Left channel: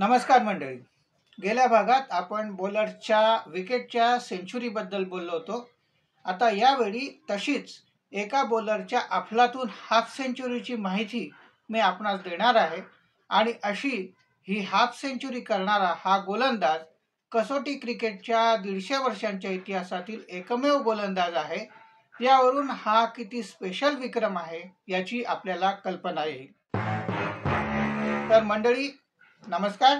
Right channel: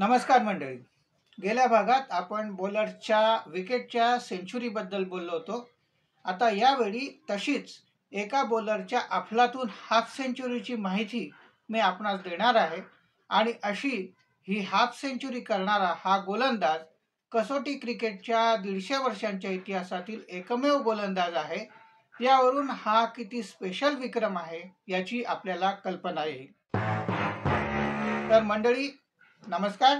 नमस्कार मंडळी. गेल्या भागात आपण बॉलरच्या विकेटच्या सेंचुरीबद्दल बोललो होतो. आता यावेळी तशीच एका बॉलरच्या अफलातून हाफ सेंचुरीची माहिती मी आपणास देणार आहे. आणि अशी ही हाफ सेंचुरी करणारा हा गोलंदाज कसोटी क्रिकेटच्या 150 वर्षांच्या इतिहासातील एकमेव गोलंदाज आहे. यावरून हा किती स्पेशल विक्रम आहे याची आपल्याला कल्पना येईल. तर मंडळी नमस्कार,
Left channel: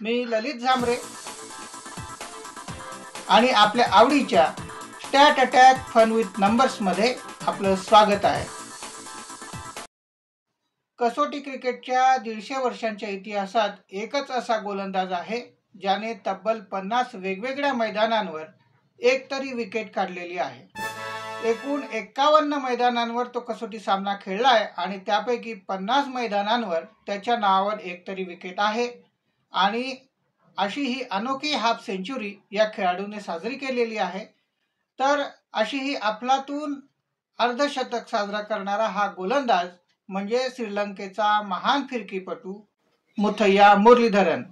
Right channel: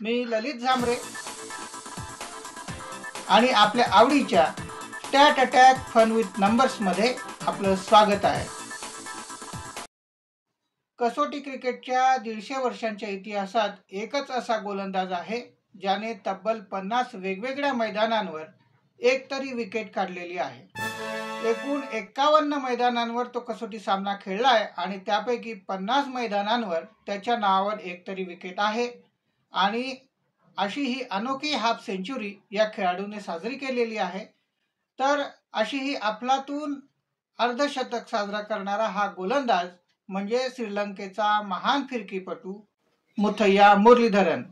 मी ललित झांबरे आणि आपल्या आवडीच्या stat attack fun with numbers मध्ये आपलं स्वागत आहे. कसोटी क्रिकेटच्या 150 वर्षांच्या इतिहासात एकच असा गोलंदाज आहे ज्याने तब्बल 50 वेगवेगळ्या मैदानांवर एक तरी विकेट काढलेली आहे. एकूण 51 मैदानांवर तो कसोटी सामना खेळलाय आणि त्यापैकी 50 मैदानांवर त्याच्या नावावर एक तरी विकेट आहे. आणि अशी ही अनोखी हाफ सेंचुरी या खेळाडूने साजरी केलेली आहे. तर अशी ही अफलातून अर्धशतक साजरा करणारा हा गोलंदाज म्हणजे श्रीलंकेचा महान फिरकीपटू मुथय्या मुरलीधरन.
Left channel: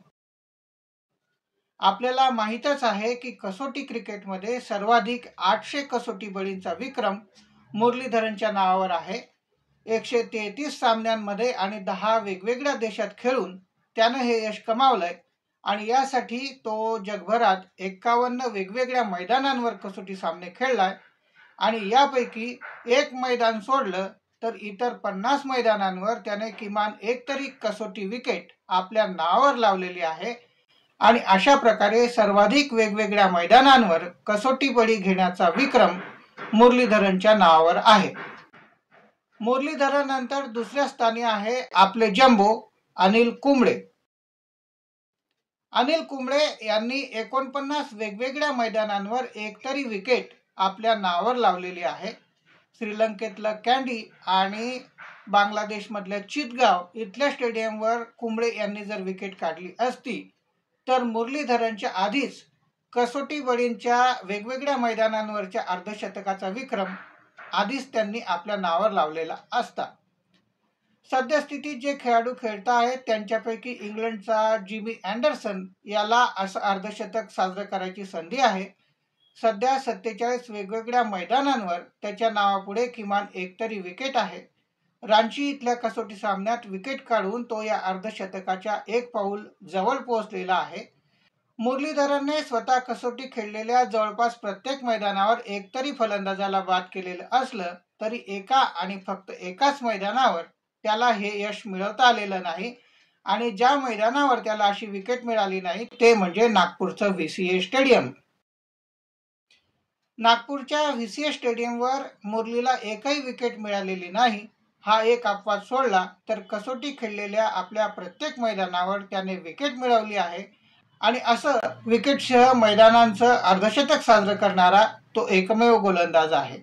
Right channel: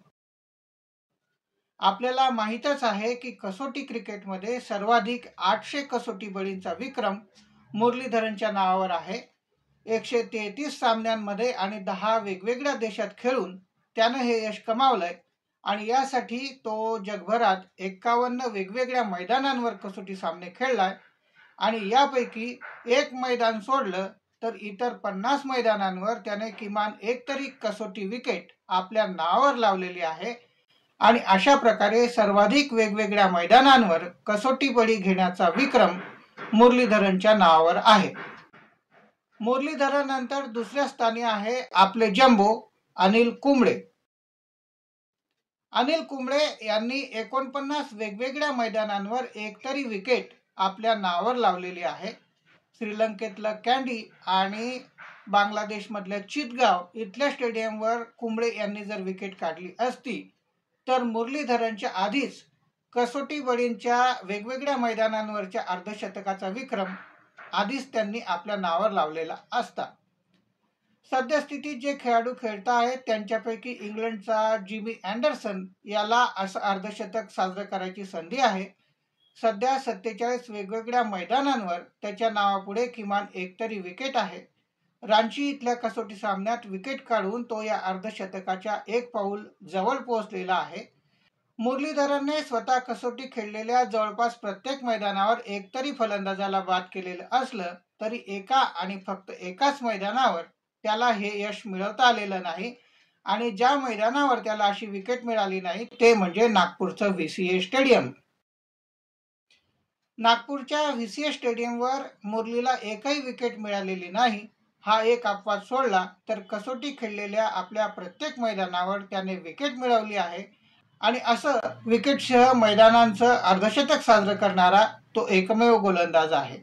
आपल्याला माहीतच आहे की कसोटी क्रिकेटमध्ये सर्वाधिक 800 कसोटी बळींचा विक्रम मुरलीधरनच्या नावावर आहे. 133 सामन्यांमध्ये आणि 10 वेगवेगळ्या देशात खेळून त्याने हे यश कमावलंय. आणि यासाठी तो जगभरात 51 वेगवेगळ्या मैदानांवर कसोटी सामने खेळलाय. आणि यापैकी एक मैदान सोडलं तर इतर 50 मैदानांवर त्याने किमान एक तरी कसोटी विकेट आपल्या नावावर लावलेली आहे. आणि अशा प्रकारे सर्वाधिक वेगवेगळ्या मैदानांवर कसोटी बळी घेण्याचा विक्रम मुरलीधरनच्या नावावर आहे. मुरलीधरन नंतर दुसऱ्या स्थानी आहे आपले जम्बो अनिल कुंबळे. अनिल कुंबळे यांनी 49 वेगवेगळ्या मैदानांवर एक तरी विकेट आपल्या नावावर लावलेली आहे. श्रीलंकेतलं कँडी आणि बांगलादेशमधल्या चितगाव इथल्या स्टेडियमवर कुंबळे यांनी जर विकेट काढली असती तर मुरलीधरनच्या आधीच कसोटी बळींच्या वेगवेगळ्या मैदानांवरच्या अर्धशतकाचा विक्रम आधीच त्यांनी आपल्या नावावर लावलेला असता. सद्यस्थितीत जे खेळाडू खेळत आहेत त्यांच्यापैकी इंग्लंडचा जिमी अँडरसन याला असं अर्धशतक साजरं करायची संधी आहे. सध्या 47 वेगवेगळ्या मैदानांवर त्याच्या नावापुढे किमान एक तरी विकेट आहे. रांची इथल्या कसोटी सामन्यात विकेट काढून तो या अर्धशतकाच्या एक पाऊल जवळ पोहोचलेला आहे. मुरलीधरनने स्वतः कसोटी खेळलेल्या जवळपास प्रत्येक मैदानावर एक तरी फलंदाजाला बाद केलेलं असलं तरी एका आणि फक्त एकाच मैदानावर त्याला हे यश मिळवता आलेलं नाही. आणि ज्या मैदानावर त्याला अशी विकेट मिळाली नाही ते म्हणजे नागपूरचं व्हीसीए स्टेडियम. नागपूरच्या व्हीसीए स्टेडियमवर मुरलीला एकही विकेट मिळालेली नाही. हा एक अपवाद सोडला तर कसोटी खेळलेल्या आपल्या प्रत्येक मैदानावर त्याने विकेट मिळवली आहे. आणि असं विकेटसह मैदानांचं अर्धशतक साजरं करणारा तो एकमेव गोलंदाज आहे.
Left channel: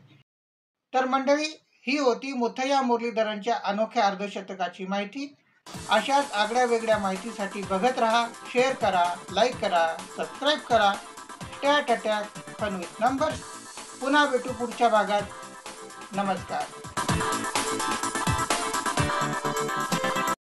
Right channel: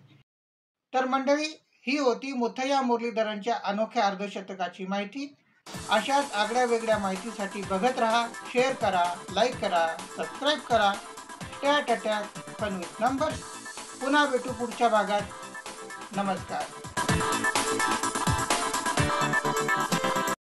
तर मंडळी ही होती मुथय्या मुरलीधरनच्या अनोख्या अर्धशतकाची माहिती. अशाच आगळ्या वेगळ्या माहितीसाठी बघत राहा, शेअर करा, लाईक करा, सबस्क्राईब करा stat attack fun with numbers. पुन्हा भेटू पुढच्या भागात. नमस्कार.